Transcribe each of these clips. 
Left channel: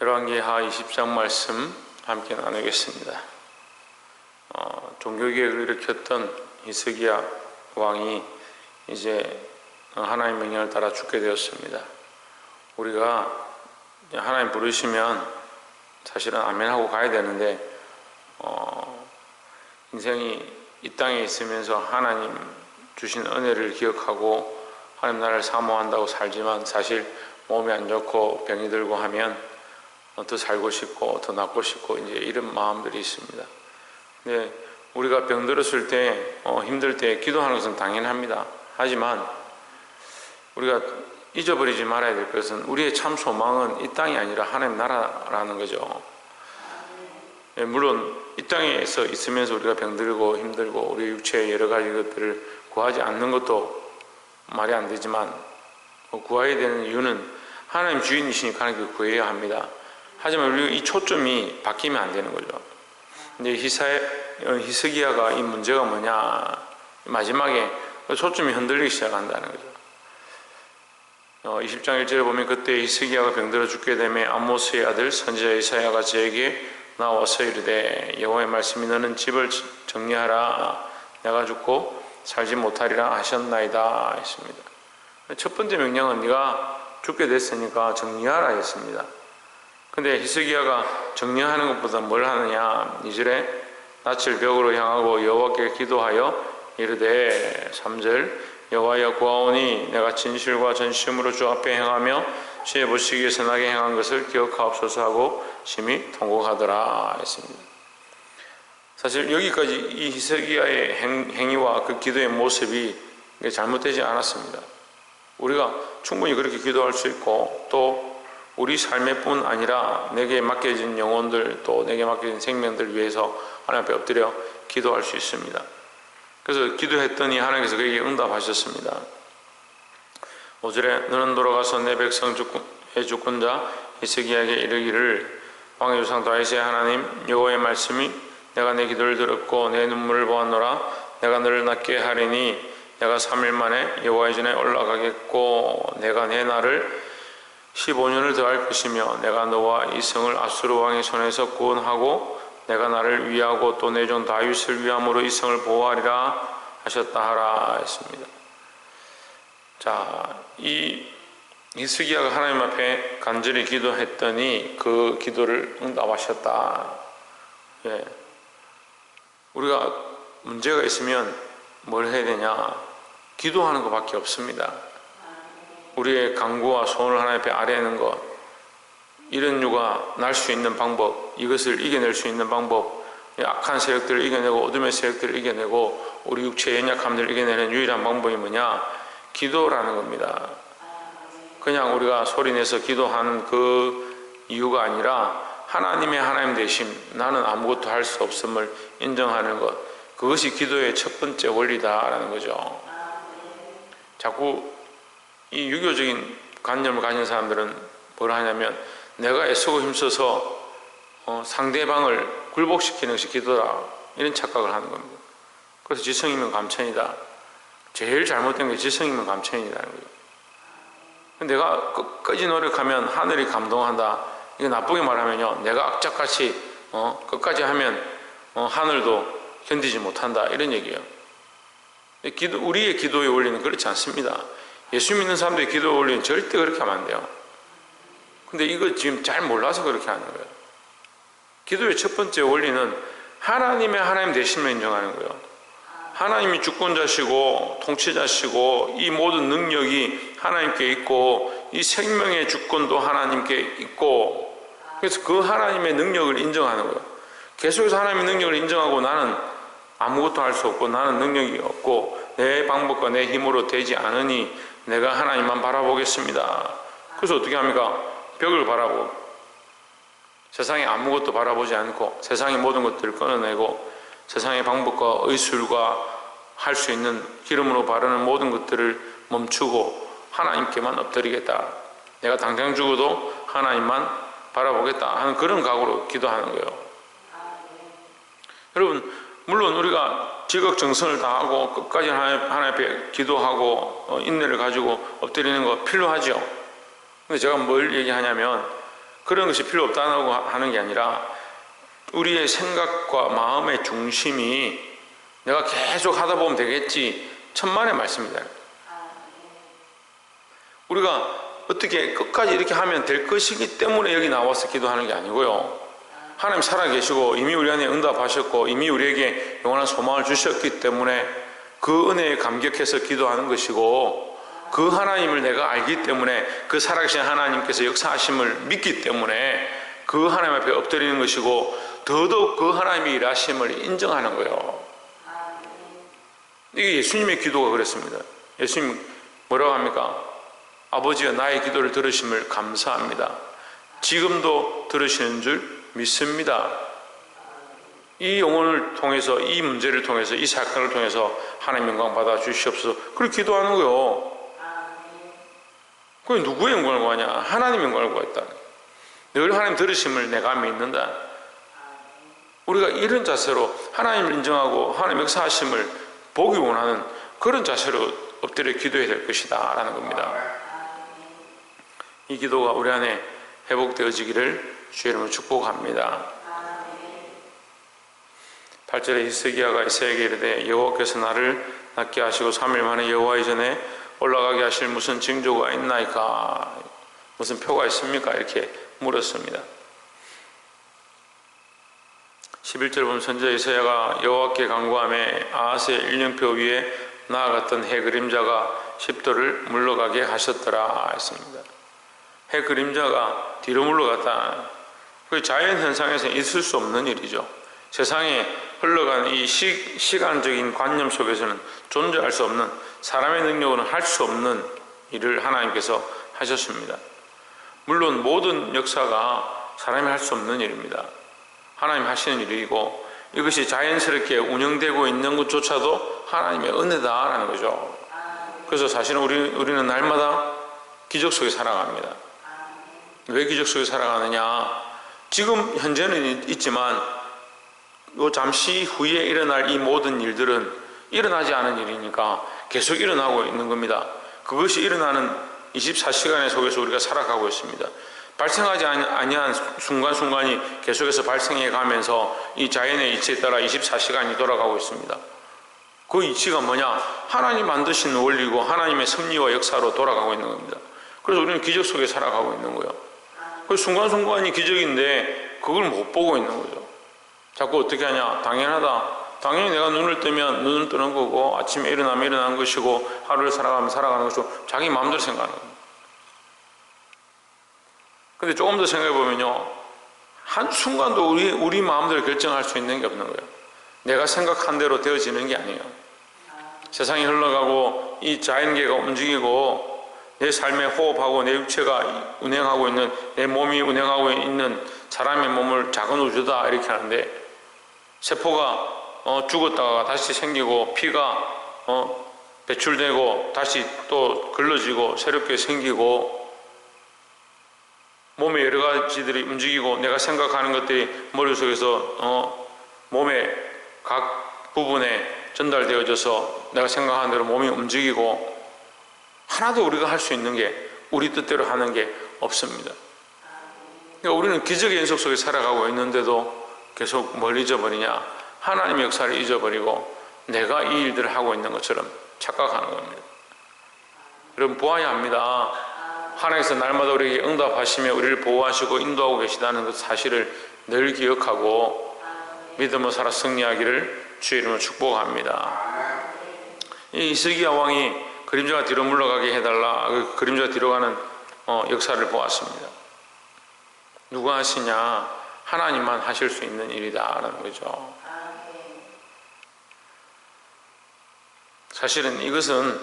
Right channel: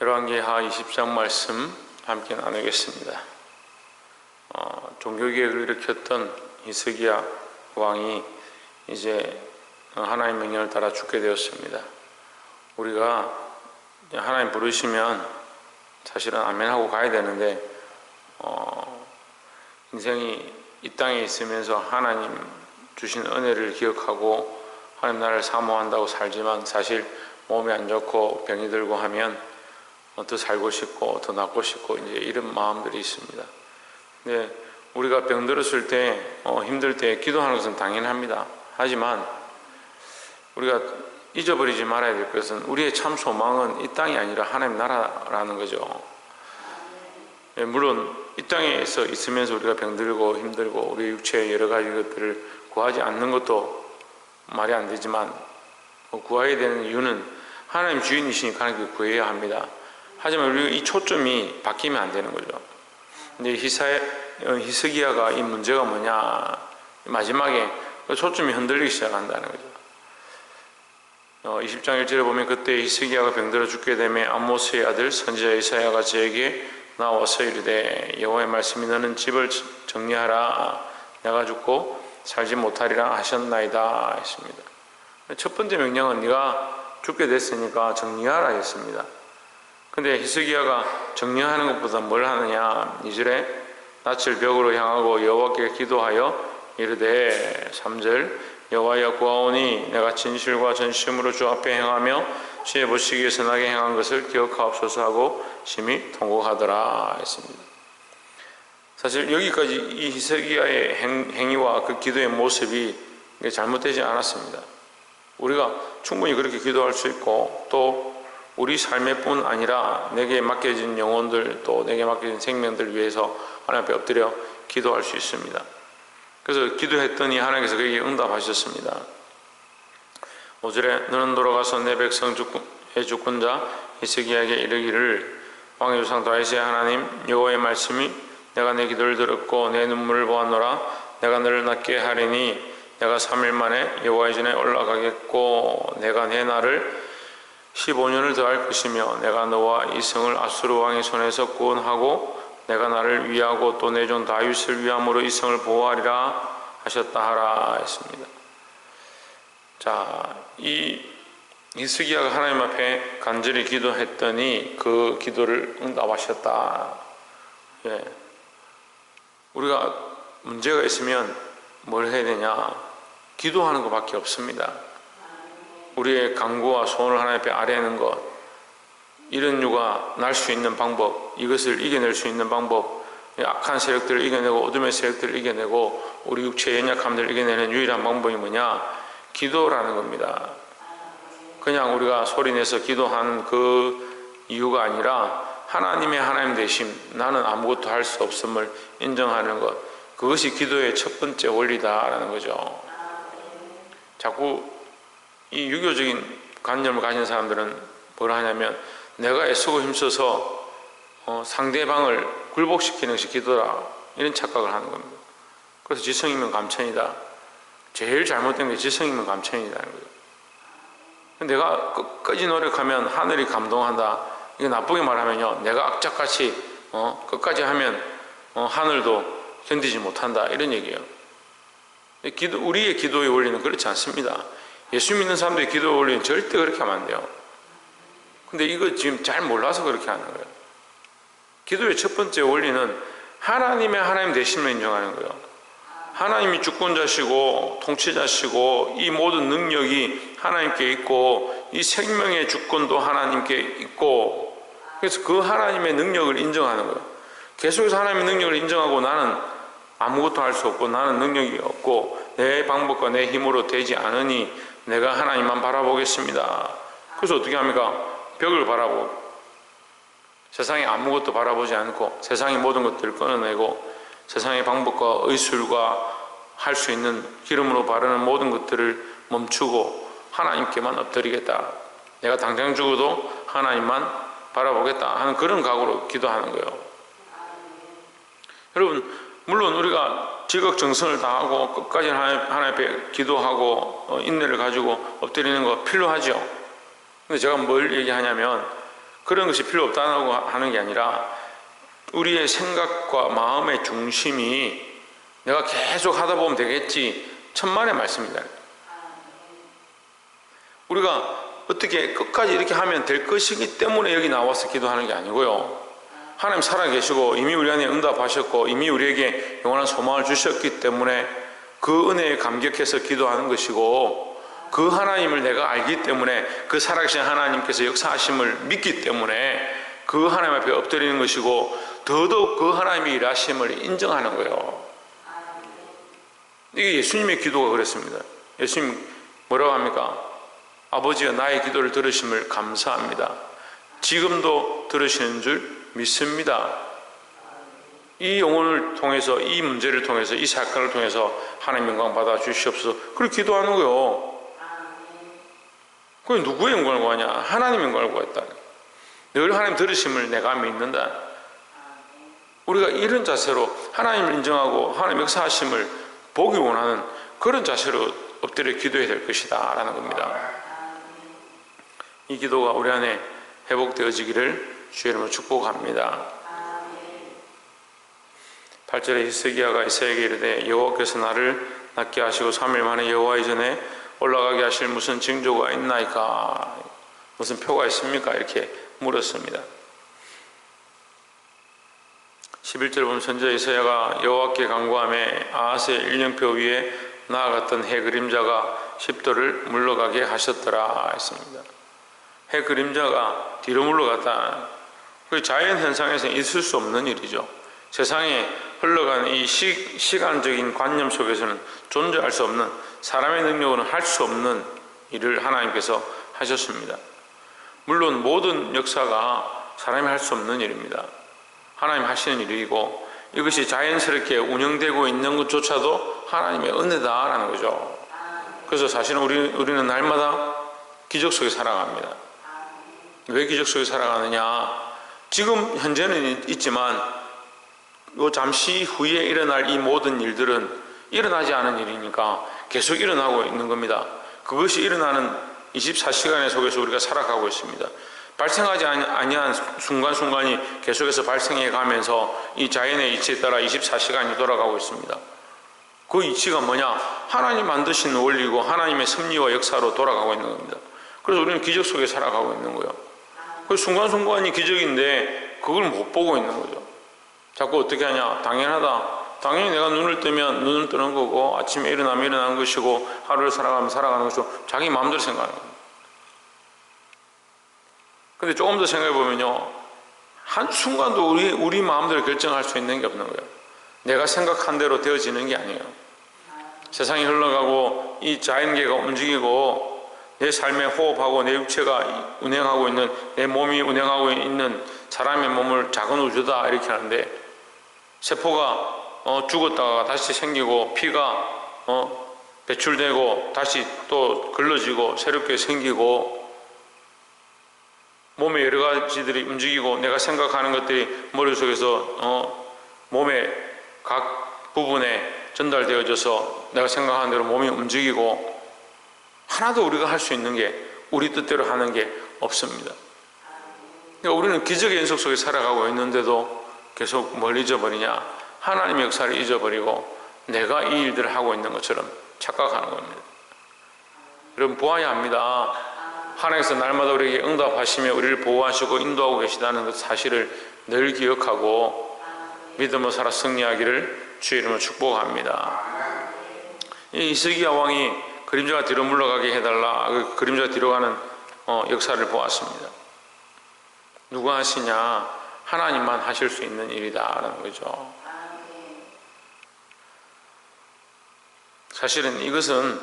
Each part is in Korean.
열왕기하 20장 말씀 함께 나누겠습니다. 종교개혁을 일으켰던 히스기야 왕이 이제 하나님 명령을 따라 죽게 되었습니다. 우리가 하나님 부르시면 사실은 아멘하고 가야 되는데 인생이 이 땅에 있으면서 하나님 주신 은혜를 기억하고 하나님 나라를 사모한다고 살지만 사실 몸이 안 좋고 병이 들고 하면 더 살고 싶고 더 낫고 싶고 이제 이런 마음들이 있습니다. 근데 우리가 병 들었을 때 힘들 때 기도하는 것은 당연합니다. 하지만 우리가 잊어버리지 말아야 될 것은 우리의 참 소망은 이 땅이 아니라 하나님 나라라는 거죠. 물론 이 땅에서 있으면서 우리가 병들고 힘들고 우리 육체의 여러 가지 것들을 구하지 않는 것도 말이 안 되지만 구해야 되는 이유는 하나님 주인이시니까 하나님께 구해야 합니다. 하지만 우리가 이 초점이 바뀌면 안 되는 거죠. 근데 히스기야가 이 문제가 뭐냐, 마지막에 초점이 흔들리기 시작한다는 거죠. 20장 1절에 보면 그때 히스기야가 병들어 죽게 되매 아모스의 아들 선지자 이사야가 저에게 나와서 이르되 여호와의 말씀이 너는 집을 정리하라, 내가 죽고 살지 못하리라 하셨나이다 했습니다. 첫 번째 명령은 네가 죽게 됐으니까 정리하라 했습니다. 근데 히스기야가 정리하는 것보다 뭘 하느냐, 2절에 낯을 벽으로 향하고 여호와께 기도하여 이르되 3절 여호와여 구하오니 내가 진실과 전심으로 주 앞에 행하며 주의 보시기에 선하게 행한 것을 기억하옵소서 하고 심히 통곡하더라 했습니다. 사실 여기까지 이 히스기야의 행위와 그 기도의 모습이 잘못되지 않았습니다. 우리가 충분히 그렇게 기도할 수 있고 또 우리 삶의 뿐 아니라 내게 맡겨진 영혼들 또 내게 맡겨진 생명들 위해서 하나님 앞에 엎드려 기도할 수 있습니다. 그래서 기도했더니 하나님께서 그에게 응답하셨습니다. 5절에 너는 돌아가서 내 백성의 주권자 히스기야에게 이르기를 왕의 조상 다윗의 하나님 여호와의 말씀이 내가 내 기도를 들었고 내 눈물을 보았노라. 내가 너를 낫게 하리니 내가 3일 만에 여호와의 전에 올라가겠고 내가 내 날을 15년을 더할 것이며 내가 너와 이 성을 아수르 왕의 손에서 구원하고 내가 나를 위하고 또 내 종 다윗을 위함으로 이 성을 보호하리라 하셨다 하라 했습니다. 자, 이 히스기야가 하나님 앞에 간절히 기도했더니 그 기도를 응답하셨다. 예. 우리가 문제가 있으면 뭘 해야 되냐? 기도하는 것밖에 없습니다. 우리의 간구와 소원을 하나님 앞에 아뢰는 것, 이런 유가 날 수 있는 방법, 이것을 이겨낼 수 있는 방법, 악한 세력들을 이겨내고 어둠의 세력들을 이겨내고 우리 육체의 연약함들을 이겨내는 유일한 방법이 뭐냐? 기도라는 겁니다. 그냥 우리가 소리내서 기도하는 그 이유가 아니라 하나님의 하나님 되심, 나는 아무것도 할 수 없음을 인정하는 것, 그것이 기도의 첫 번째 원리다라는 거죠. 자꾸 이 유교적인 관념을 가진 사람들은 뭘 하냐면 내가 애쓰고 힘써서 상대방을 굴복시키는 것이 기도다, 이런 착각을 하는 겁니다. 그래서 지성이면 감천이다. 제일 잘못된 게 지성이면 감천이라는 거예요. 내가 끝까지 노력하면 하늘이 감동한다. 이게 나쁘게 말하면요, 내가 악착같이 끝까지 하면 하늘도 견디지 못한다, 이런 얘기예요. 우리의 기도의 원리는 그렇지 않습니다. 예수 믿는 사람들의 기도의 원리는 절대 그렇게 하면 안 돼요. 근데 이거 지금 잘 몰라서 그렇게 하는 거예요. 기도의 첫 번째 원리는 하나님의 하나님 되심을 인정하는 거예요. 하나님이 주권자시고 통치자시고 이 모든 능력이 하나님께 있고 이 생명의 주권도 하나님께 있고, 그래서 그 하나님의 능력을 인정하는 거예요. 계속해서 하나님의 능력을 인정하고 나는 아무것도 할 수 없고 나는 능력이 없고 내 방법과 내 힘으로 되지 않으니 내가 하나님만 바라보겠습니다. 그래서 어떻게 합니까? 벽을 바라보고 세상에 아무것도 바라보지 않고 세상의 모든 것들을 끊어내고 세상의 방법과 의술과 할 수 있는 기름으로 바르는 모든 것들을 멈추고 하나님께만 엎드리겠다. 내가 당장 죽어도 하나님만 바라보겠다 하는 그런 각오로 기도하는 거예요. 여러분, 물론 우리가 지극정성을 다하고 끝까지 하나님 앞에 기도하고 인내를 가지고 엎드리는 거 필요하죠. 근데 제가 뭘 얘기하냐면 그런 것이 필요 없다고 하는 게 아니라 우리의 생각과 마음의 중심이 내가 계속 하다 보면 되겠지, 천만의 말씀입니다. 우리가 어떻게 끝까지 이렇게 하면 될 것이기 때문에 여기 나와서 기도하는 게 아니고요, 하나님 살아계시고 이미 우리 안에 응답하셨고 이미 우리에게 영원한 소망을 주셨기 때문에 그 은혜에 감격해서 기도하는 것이고, 그 하나님을 내가 알기 때문에 그 살아계신 하나님께서 역사하심을 믿기 때문에 그 하나님 앞에 엎드리는 것이고, 더더욱 그 하나님의 일하심을 인정하는 거예요. 이게 예수님의 기도가 그랬습니다. 예수님 뭐라고 합니까? 아버지여, 나의 기도를 들으심을 감사합니다. 지금도 들으시는 줄 믿습니다. 이 영혼을 통해서, 이 문제를 통해서, 이 사건을 통해서 하나님 영광 받아 주시옵소서. 그렇게 기도하는 거예요. 그게 누구의 영광을 구하냐? 하나님 영광을 구했다. 늘 하나님 들으심을 내가 믿는다. 우리가 이런 자세로 하나님을 인정하고 하나님 역사하심을 보기 원하는 그런 자세로 엎드려 기도해야 될 것이다 라는 겁니다. 이 기도가 우리 안에 회복되어지기를 주의 이름으로 축복합니다. 8절에 히스기야가 이사야에게 이르되 여호와께서 나를 낫게 하시고 3일 만에 여호와의 전에 올라가게 하실 무슨 징조가 있나이까? 무슨 표가 있습니까? 이렇게 물었습니다. 11절 보면 선지자 이사야가 여호와께 간구하며 아하스의 일령표 위에 나아갔던 해 그림자가 십도를 물러가게 하셨더라 했습니다. 해 그림자가 뒤로 물러갔다. 그 자연 현상에서 있을 수 없는 일이죠. 세상에 흘러가는 이 시간적인 관념 속에서는 존재할 수 없는, 사람의 능력으로는 할 수 없는 일을 하나님께서 하셨습니다. 물론 모든 역사가 사람이 할 수 없는 일입니다. 하나님 하시는 일이고, 이것이 자연스럽게 운영되고 있는 것조차도 하나님의 은혜다라는 거죠. 그래서 사실은 우리는 날마다 기적 속에 살아갑니다. 왜 기적 속에 살아가느냐? 지금 현재는 있지만 잠시 후에 일어날 이 모든 일들은 일어나지 않은 일이니까 계속 일어나고 있는 겁니다. 그것이 일어나는 24시간의 속에서 우리가 살아가고 있습니다. 발생하지 아니한 순간순간이 계속해서 발생해 가면서 이 자연의 이치에 따라 24시간이 돌아가고 있습니다. 그 이치가 뭐냐? 하나님 만드신 원리고 하나님의 섭리와 역사로 돌아가고 있는 겁니다. 그래서 우리는 기적 속에 살아가고 있는 거예요. 그 순간순간이 기적인데 그걸 못 보고 있는 거죠. 자꾸 어떻게 하냐? 당연하다. 당연히 내가 눈을 뜨면 눈을 뜨는 거고, 아침에 일어나면 일어나는 것이고, 하루를 살아가면 살아가는 것이고, 자기 마음대로 생각하는 겁니다. 근데 조금 더 생각해 보면요, 한순간도 우리 마음대로 결정할 수 있는 게 없는 거예요. 내가 생각한 대로 되어지는 게 아니에요. 세상이 흘러가고 이 자연계가 움직이고 내 삶에 호흡하고 내 육체가 운행하고 있는, 내 몸이 운행하고 있는 사람의 몸을 작은 우주다 이렇게 하는데, 세포가 죽었다가 다시 생기고 피가 배출되고 다시 또 걸러지고 새롭게 생기고, 몸에 여러 가지들이 움직이고 내가 생각하는 것들이 머릿속에서 몸의 각 부분에 전달되어져서 내가 생각하는 대로 몸이 움직이고, 하나도 우리가 할 수 있는 게, 우리 뜻대로 하는 게 없습니다. 그러니까 우리는 기적의 연속 속에 살아가고 있는데도 계속 뭘 잊어버리냐? 하나님의 역사를 잊어버리고 내가 이 일들을 하고 있는 것처럼 착각하는 겁니다. 여러분, 보아야 합니다. 하나님께서 날마다 우리에게 응답하시며 우리를 보호하시고 인도하고 계시다는 그 사실을 늘 기억하고 믿음으로 살아 승리하기를 주의 이름으로 축복합니다. 이 히스기야 왕이 그림자가 뒤로 물러가게 해달라, 그 그림자가 뒤로 가는 역사를 보았습니다. 누가 하시냐? 하나님만 하실 수 있는 일이다라는 거죠. 사실은 이것은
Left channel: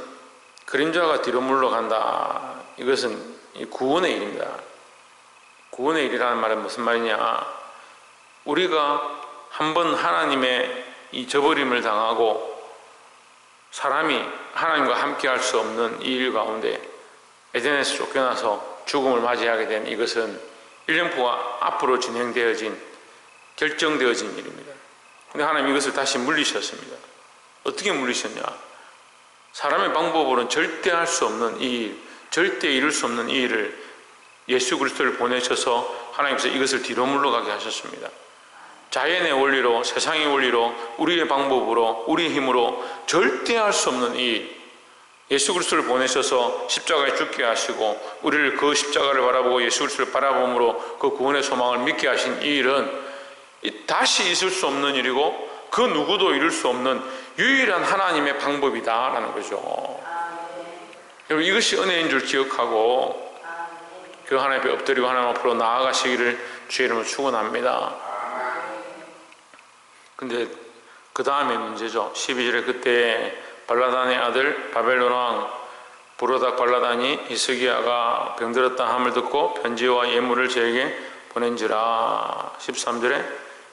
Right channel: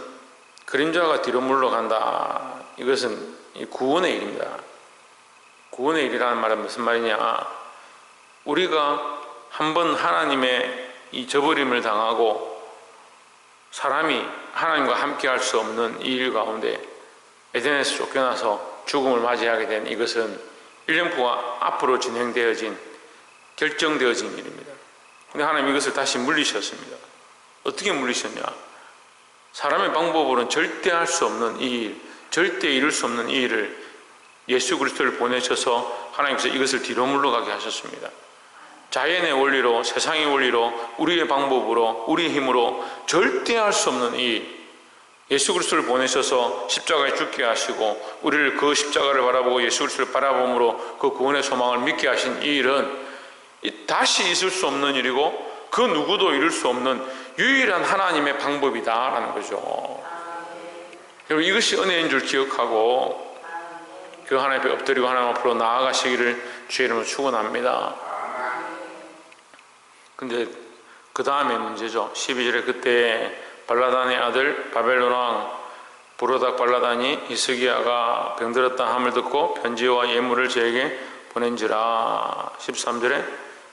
그림자가 뒤로 물러간다, 이것은 구원의 일입니다. 구원의 일이라는 말은 무슨 말이냐? 우리가 한번 하나님의 이 저버림을 당하고 사람이 하나님과 함께 할 수 없는 이 일 가운데 에덴에서 쫓겨나서 죽음을 맞이하게 된 이것은 일령표가 앞으로 진행되어진, 결정되어진 일입니다. 근데 하나님 이것을 다시 물리셨습니다. 어떻게 물리셨냐? 사람의 방법으로는 절대 할 수 없는 이 일, 절대 이룰 수 없는 이 일을 예수 그리스도를 보내셔서 하나님께서 이것을 뒤로 물러가게 하셨습니다. 자연의 원리로, 세상의 원리로, 우리의 방법으로, 우리의 힘으로 절대 할 수 없는 이 예수 그리스도를 보내셔서 십자가에 죽게 하시고 우리를 그 십자가를 바라보고 예수 그리스도를 바라봄으로 그 구원의 소망을 믿게 하신 이 일은 다시 있을 수 없는 일이고 그 누구도 이룰 수 없는 유일한 하나님의 방법이다라는 거죠. 여러분, 이것이 은혜인 줄 기억하고 그 하나님 앞에 엎드리고 하나님 앞으로 나아가시기를 주의 이름으로 축원합니다. 근데 그 다음에 문제죠. 12절에 그때 발라단의 아들 바벨론 왕 부로닥 발라단이 히스기야가 병들었다 함을 듣고 편지와 예물을 저에게 보낸지라. 13절에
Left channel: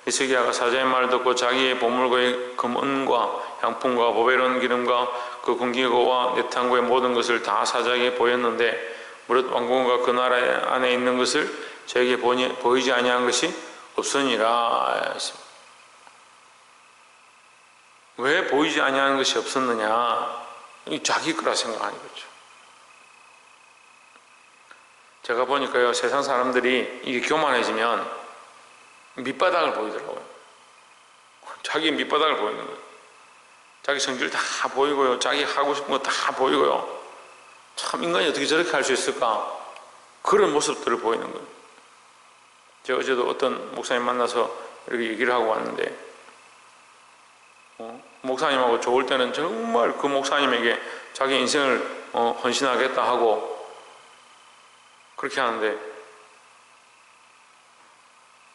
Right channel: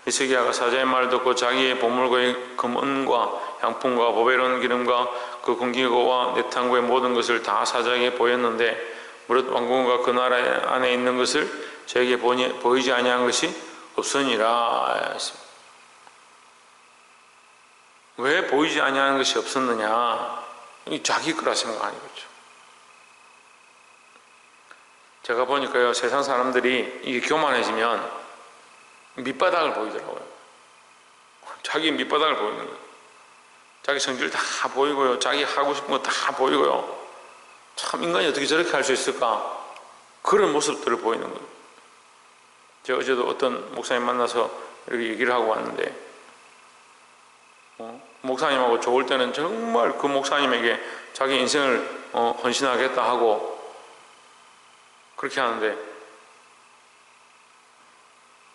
히스기야가 사자의 말을 듣고 자기의 보물과의 금은과 향품과 보배로운 기름과 그 금기고와 내탕고의 모든 것을 다 사자에게 보였는데 무릇 왕궁과 그 나라 안에 있는 것을 저에게 보이지 아니한 것이 없으니라. 왜 보이지 아니하는 것이 없었느냐? 자기 거라 생각하는 거죠. 제가 보니까요, 세상 사람들이 이게 교만해지면 밑바닥을 보이더라고요. 자기 밑바닥을 보이는 거예요. 자기 성질 다 보이고요, 자기 하고 싶은 거 다 보이고요. 참 인간이 어떻게 저렇게 할 수 있을까? 그런 모습들을 보이는 거예요. 제가 어제도 어떤 목사님 만나서 이렇게 얘기를 하고 왔는데 목사님하고 좋을 때는 정말 그 목사님에게 자기 인생을 헌신하겠다 하고 그렇게 하는데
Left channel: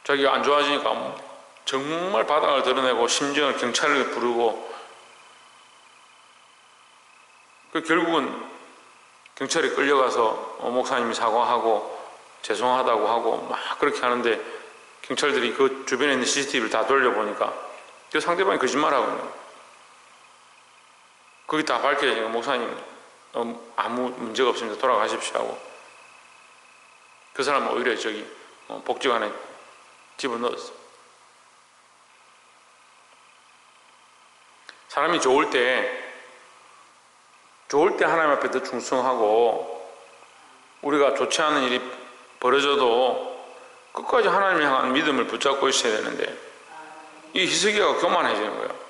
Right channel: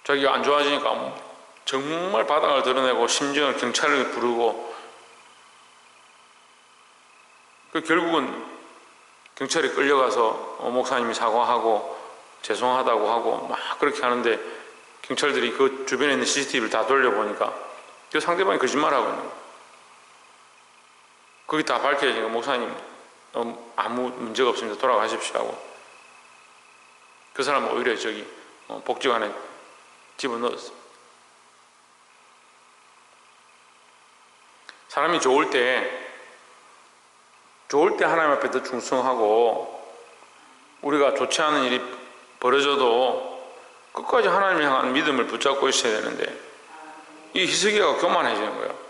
자기가 안 좋아지니까 정말 바닥을 드러내고 심지어 경찰을 부르고 결국은 경찰에 끌려가서 목사님이 사과하고 죄송하다고 하고 막 그렇게 하는데 경찰들이 그 주변에 있는 CCTV를 다 돌려보니까 그 상대방이 거짓말하고 있는 거예요. 그게 다 밝혀지니까 목사님 아무 문제가 없습니다. 돌아가십시오 하고 그 사람은 오히려 복지관에 집어넣었어요. 사람이 좋을 때 하나님 앞에 더 충성하고 우리가 좋지 않은 일이 벌어져도 끝까지 하나님을 향한 믿음을 붙잡고 있어야 되는데 이 히스기야가 교만해지는 거예요.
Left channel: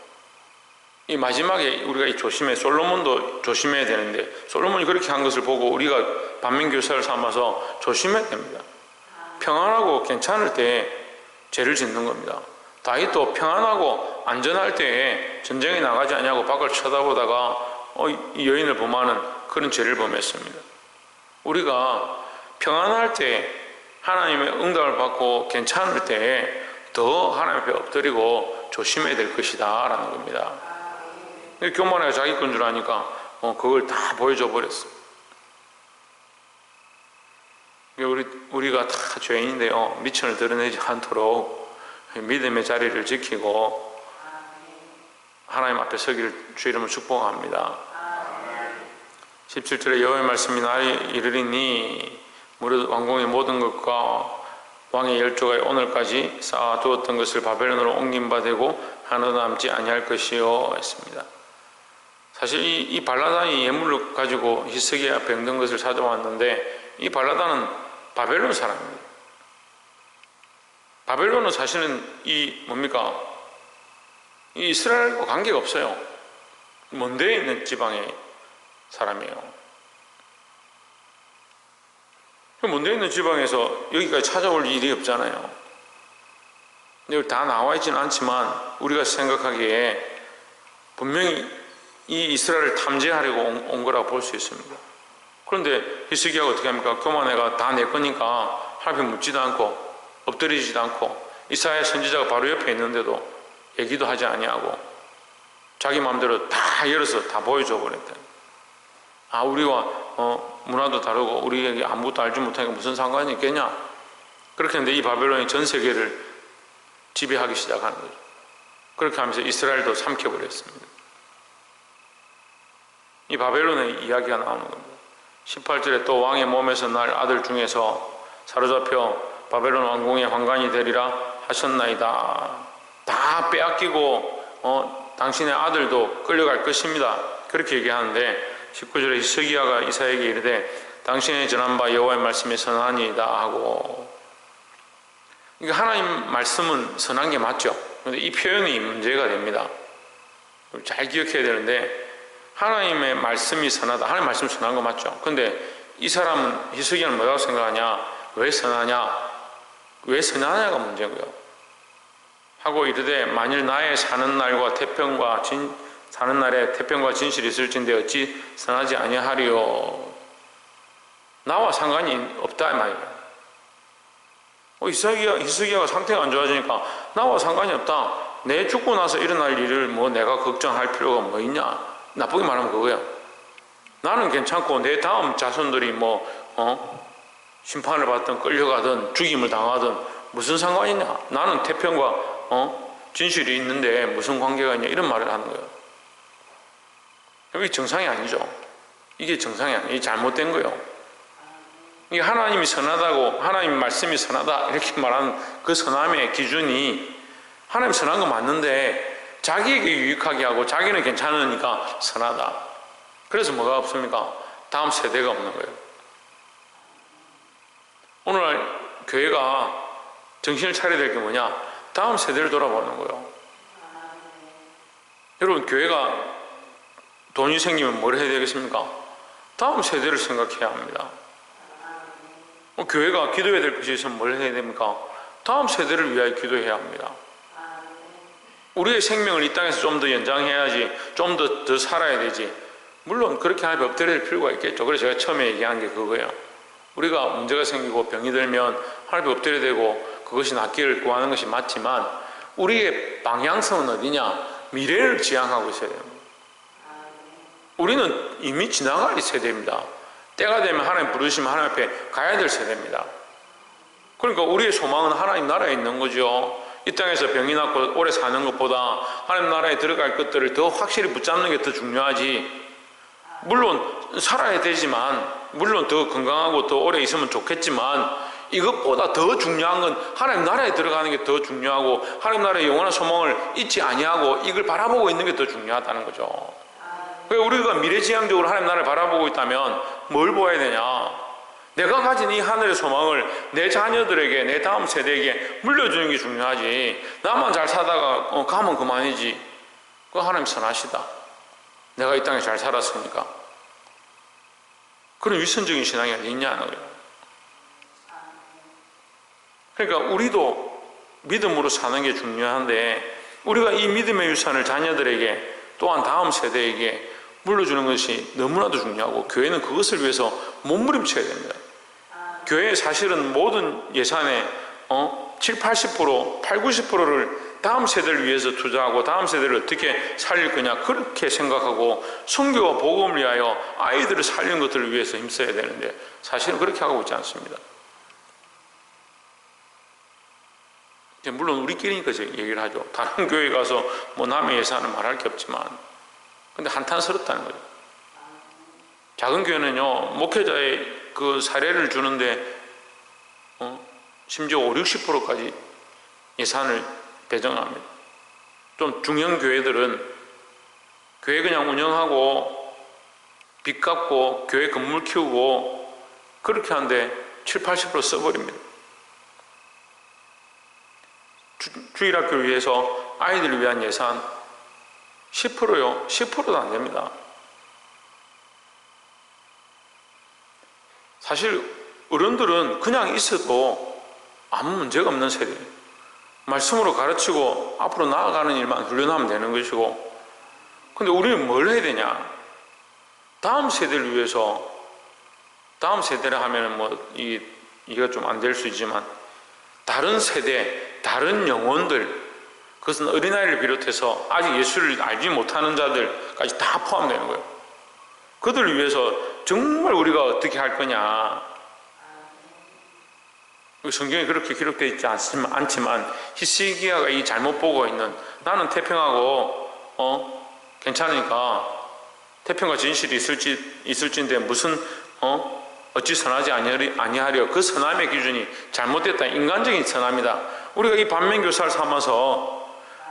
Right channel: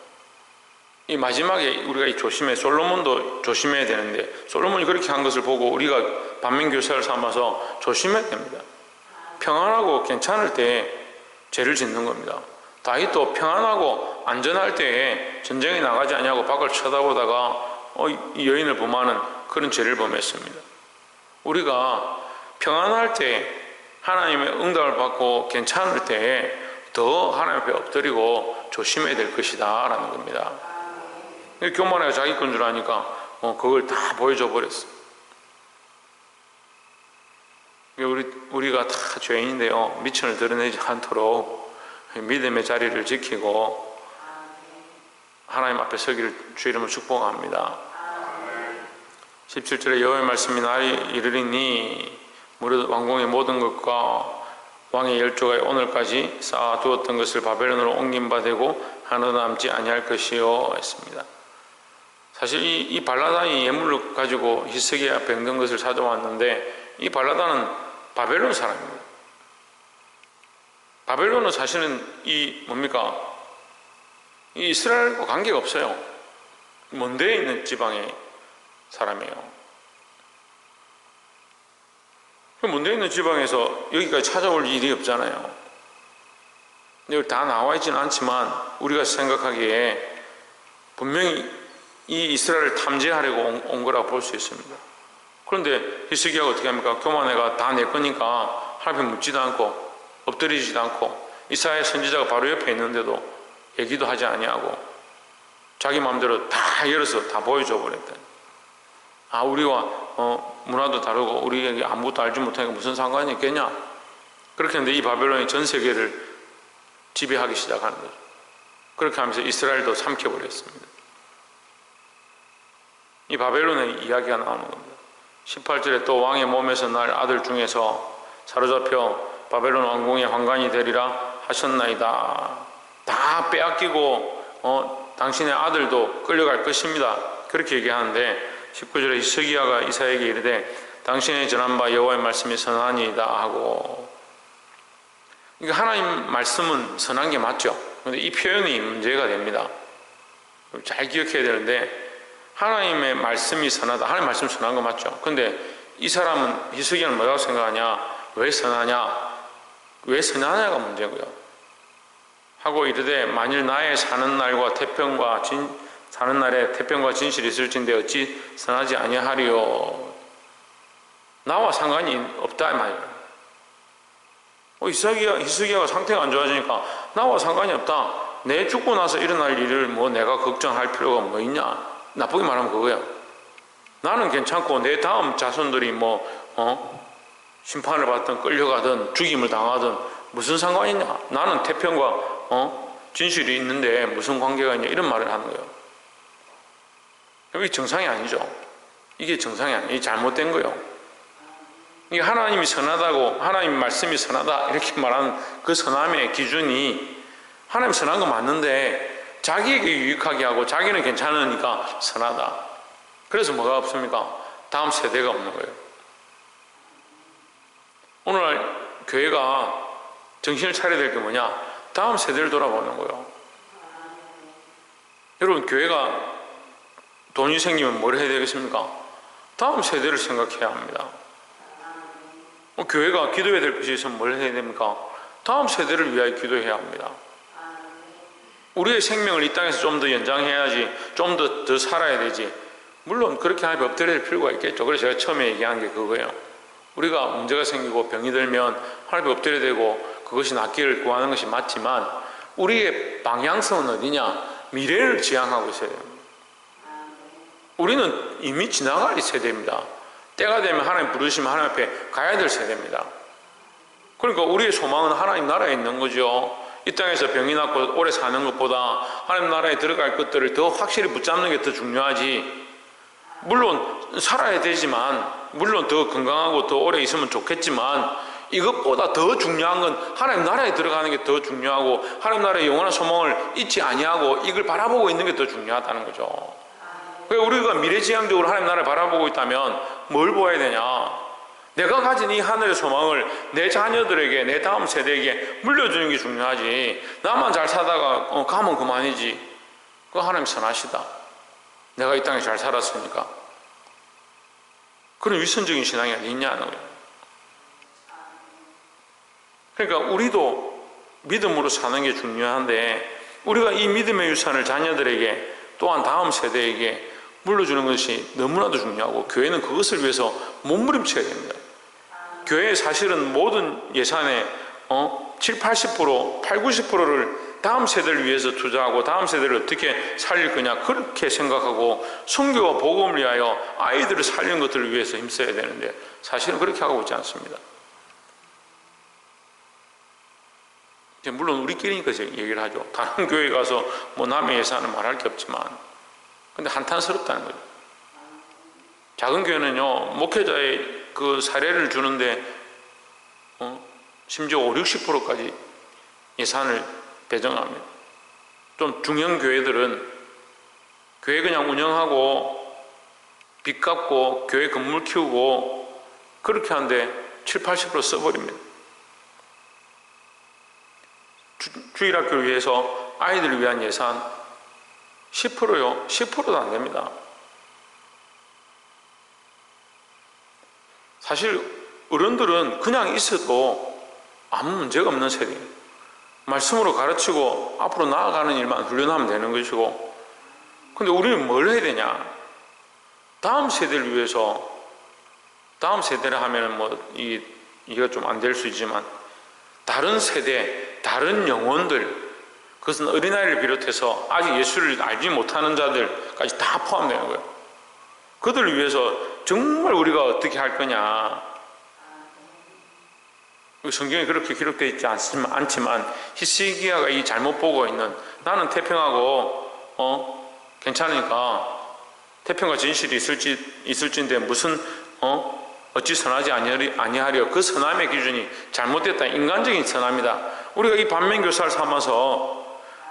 이 마지막에 우리가 솔로몬도 조심해야 되는데 솔로몬이 그렇게 한 것을 보고 우리가 반면교사를 삼아서 조심해야 됩니다. 평안하고 괜찮을 때 죄를 짓는 겁니다. 다윗도 평안하고 안전할 때에 전쟁에 나가지 않냐고 밖을 쳐다보다가 이 여인을 범하는 그런 죄를 범했습니다. 우리가 평안할 때 하나님의 응답을 받고 괜찮을 때 더 하나님 앞에 엎드리고 조심해야 될 것이다 라는 겁니다. 교만해가 자기 건 줄 아니까 그걸 다 보여줘 버렸어. 우리가 다 죄인인데요, 미천을 드러내지 않도록 믿음의 자리를 지키고 하나님 앞에 서기를 주 이름으로 축복합니다. 17절에 여호와의 말씀이 날이 이르리니 무릇 왕궁의 모든 것과 왕의 열조가 오늘까지 쌓아두었던 것을 바벨론으로 옮긴 바 되고 하나도 남지 아니할 것이요 했습니다. 사실 이 발라단이 예물을 가지고 히스기야 병든 것을 찾아왔는데 이 발라단은 바벨론 사람입니다. 바벨론은 사실은 이 이스라엘과 관계가 없어요. 먼 데에 있는 지방의 사람이에요. 먼 데에 있는 지방에서 여기까지 찾아올 일이 없잖아요. 여기 다 나와 있지는 않지만 우리가 생각하기에 분명히 이 이스라엘을 탐지하려고 온 거라고 볼 수 있습니다. 그런데 히스기야가 어떻게 합니까? 교만해가 다 내 거니까 하나님 묻지도 않고 엎드리지도 않고 이사야 선지자가 바로 옆에 있는데도 얘기도 하지 아니하고 자기 마음대로 다 열어서 다 보여줘 버렸다. 우리와 문화도 다르고 우리에게 아무것도 알지 못하니까 무슨 상관이 있겠냐? 그렇게 했는데 이 바벨론이 전 세계를 지배하기 시작하는 거죠. 그렇게 하면서 이스라엘도 삼켜버렸습니다. 이 바벨론의 이야기가 나오는 겁니다. 18절에 또 왕의 몸에서 날 아들 중에서 사로잡혀 바벨론 왕궁의 환관이 되리라 하셨나이다. 다 빼앗기고 당신의 아들도 끌려갈 것입니다. 그렇게 얘기하는데 19절에 히스기야가 이사야에게 이르되 당신의 전한 바 여호와의 말씀이 선하니이다 하고, 이게 하나님 말씀은 선한 게 맞죠. 그런데 이 표현이 문제가 됩니다. 잘 기억해야 되는데, 하나님의 말씀이 선하다, 하나님 말씀이 선한 거 맞죠. 근데 이 사람은, 히스기야는 뭐라고 생각하냐, 왜 선하냐, 왜 선하냐가 문제고요. 하고 이르되 만일 나의 사는 날에 태평과 진실이 있을진데 어찌 선하지 아니하리요. 나와 상관이 없다 이 말이에요. 히스기야가 상태가 안 좋아지니까 나와 상관이 없다. 내 죽고 나서 일어날 일을 뭐 내가 걱정할 필요가 뭐 있냐. 나쁘게 말하면 그거야. 나는 괜찮고 내 다음 자손들이 심판을 받든 끌려가든 죽임을 당하든 무슨 상관이 있냐. 나는 태평과 진실이 있는데 무슨 관계가 있냐, 이런 말을 하는 거예요. 이게 정상이 아니죠. 이게 정상이 아니에요. 이게 잘못된 거예요. 이게 하나님이 선하다고, 하나님 말씀이 선하다 이렇게 말하는 그 선함의 기준이, 하나님 선한 거 맞는데 자기에게 유익하게 하고 자기는 괜찮으니까 선하다. 그래서 뭐가 없습니까? 다음 세대가 없는 거예요. 오늘날 교회가 정신을 차려야 될 게 뭐냐? 다음 세대를 돌아보는 거예요. 여러분, 교회가 돈이 생기면 뭘 해야 되겠습니까? 다음 세대를 생각해야 합니다. 교회가 기도해야 될 것이 있으면 뭘 해야 됩니까? 다음 세대를 위하여 기도해야 합니다. 우리의 생명을 이 땅에서 좀 더 연장해야지, 좀 더 살아야 되지. 물론 그렇게 하나님 엎드려야 될 필요가 있겠죠. 그래서 제가 처음에 얘기한 게 그거예요. 우리가 문제가 생기고 병이 들면 하나님 엎드려야 되고 그것이 낫기를 구하는 것이 맞지만, 우리의 방향성은 어디냐? 미래를 지향하고 있어야 됩니다. 우리는 이미 지나갈 세대입니다. 때가 되면 하나님 부르시면 하나님 앞에 가야 될 세대입니다. 그러니까 우리의 소망은 하나님 나라에 있는 거죠. 이 땅에서 병이 낫고 오래 사는 것보다 하나님 나라에 들어갈 것들을 더 확실히 붙잡는 게 더 중요하지. 물론 살아야 되지만, 물론 더 건강하고 더 오래 있으면 좋겠지만, 이것보다 더 중요한 건 하나님 나라에 들어가는 게 더 중요하고, 하나님 나라의 영원한 소망을 잊지 아니하고 이걸 바라보고 있는 게 더 중요하다는 거죠. 우리가 미래지향적으로 하나님 나라를 바라보고 있다면 뭘 보아야 되냐? 내가 가진 이 하늘의 소망을 내 자녀들에게, 내 다음 세대에게 물려주는 게 중요하지. 나만 잘 살다가 가면 그만이지. 그거 하나님 선하시다. 내가 이 땅에 잘 살았으니까. 그런 위선적인 신앙이 어딨냐는 거예요. 그러니까 우리도 믿음으로 사는 게 중요한데, 우리가 이 믿음의 유산을 자녀들에게, 또한 다음 세대에게 물려주는 것이 너무나도 중요하고, 교회는 그것을 위해서 몸부림쳐야 됩니다. 교회의 사실은 모든 예산의 7, 80%, 8, 90%를 다음 세대를 위해서 투자하고 다음 세대를 어떻게 살릴 거냐, 그렇게 생각하고 선교와 복음을 위하여 아이들을 살리는 것들을 위해서 힘써야 되는데, 사실은 그렇게 하고 있지 않습니다. 물론 우리끼리니까 얘기를 하죠. 다른 교회 가서 뭐 남의 예산을 말할 게 없지만, 근데 한탄스럽다는 거죠. 작은 교회는요, 목회자의 그 사례를 주는데 심지어 5, 60%까지 예산을 배정합니다. 좀 중형 교회들은 교회 그냥 운영하고 빚 갚고 교회 건물 키우고 그렇게 하는데 7, 80% 써버립니다. 주일학교를 위해서 아이들을 위한 예산 10%요? 10%도 안 됩니다. 사실 어른들은 그냥 있어도 아무 문제가 없는 세대예요. 말씀으로 가르치고 앞으로 나아가는 일만 훈련하면 되는 것이고, 근데 우리는 뭘 해야 되냐? 다음 세대를 위해서, 다음 세대를 하면은 이게 좀 안 될 수 있지만, 다른 세대, 다른 영혼들, 그것은 어린아이를 비롯해서 아직 예수를 알지 못하는 자들까지 다 포함되는 거예요. 그들을 위해서 정말 우리가 어떻게 할 거냐. 성경에 그렇게 기록되어 있지 않지만 히스기야가 이 잘못 보고 있는, 나는 태평하고 괜찮으니까 태평과 진실이 있을진데 무슨 어찌 선하지 아니하리요. 그 선함의 기준이 잘못됐다. 인간적인 선함이다. 우리가 이 반면교사를 삼아서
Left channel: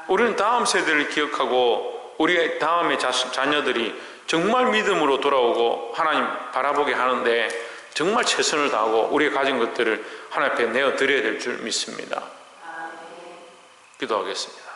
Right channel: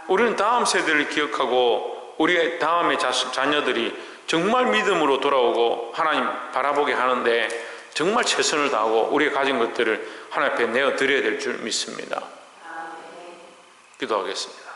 우리는 다음 세대를 기억하고 우리의 다음의 자녀들이 정말 믿음으로 돌아오고 하나님 바라보게 하는데, 정말 최선을 다하고 우리가 가진 것들을 하나님 앞에 내어 드려야 될 줄 믿습니다. 기도하겠습니다.